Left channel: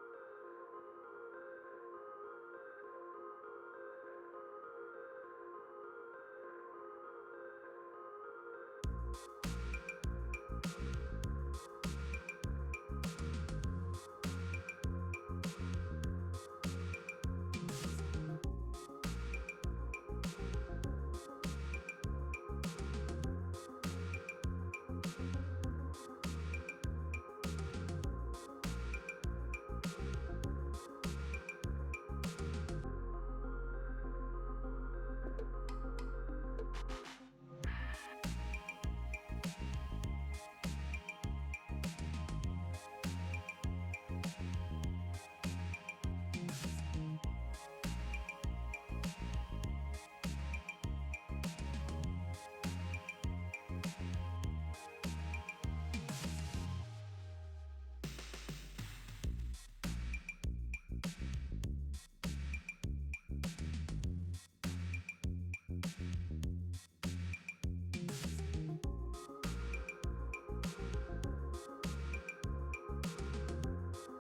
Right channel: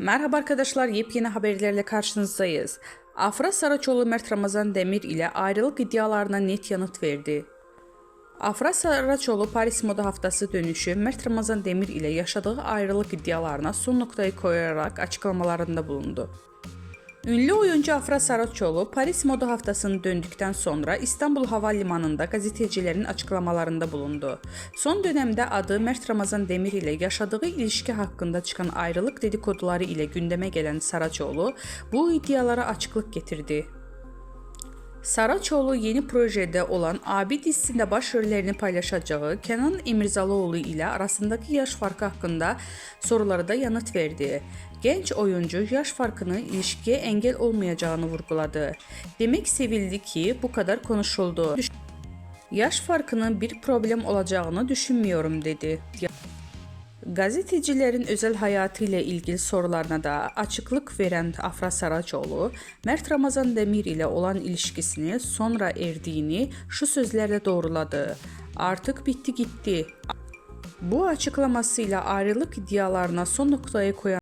Merhaba arkadaşlar, yepyeni haberlerle karşınızdayız. Afra Saraçoğlu Mert Ramazan Demir ile ayrılık iddialarına net yanıt verdi. Afra Saraçoğlu Paris Moda Haftası dönüşü Mert Ramazan Demir ile yaşadığı ayrılık iddialarına son noktayı koyarak açıklamalarında bulundu. Ünlü oyuncu Afra Saraçoğlu Paris Moda Haftası'nı döndükten sonra İstanbul Havalimanı'nda gazetecilerin açıklamalarında bulundu. Son dönemde adı Mert Ramazan Demir ile yaşadığı ilişki hakkında çıkan ayrılık dedikoduları ile gündeme gelen Saraçoğlu bu iddialara açıklık getirdi. Saraçoğlu yeni projede olan Abi dizisinde başrollerini paylaşacağı Kenan İmirzalıoğlu ile arasındaki yaş farkı hakkında sorulara da yanıt verdi. Genç oyuncu yaş farkının ilişkiye engel olmayacağını vurguladı. Demek sevildi ki bu kadar konuşuldu. Yaş farkının bir problem olacağını düşünmüyorum dedi. Gazetecilerin özel hayatı ile ilgili sorularına da açıklık veren Afra Saraçoğlu, Mert Ramazan Demir ile olan ilişkisini sonra erdiğini şu sözlerle doğruladı. Artık bitti gitti. Bu açıklamasıyla ayrılık iddialarına son noktayı koyan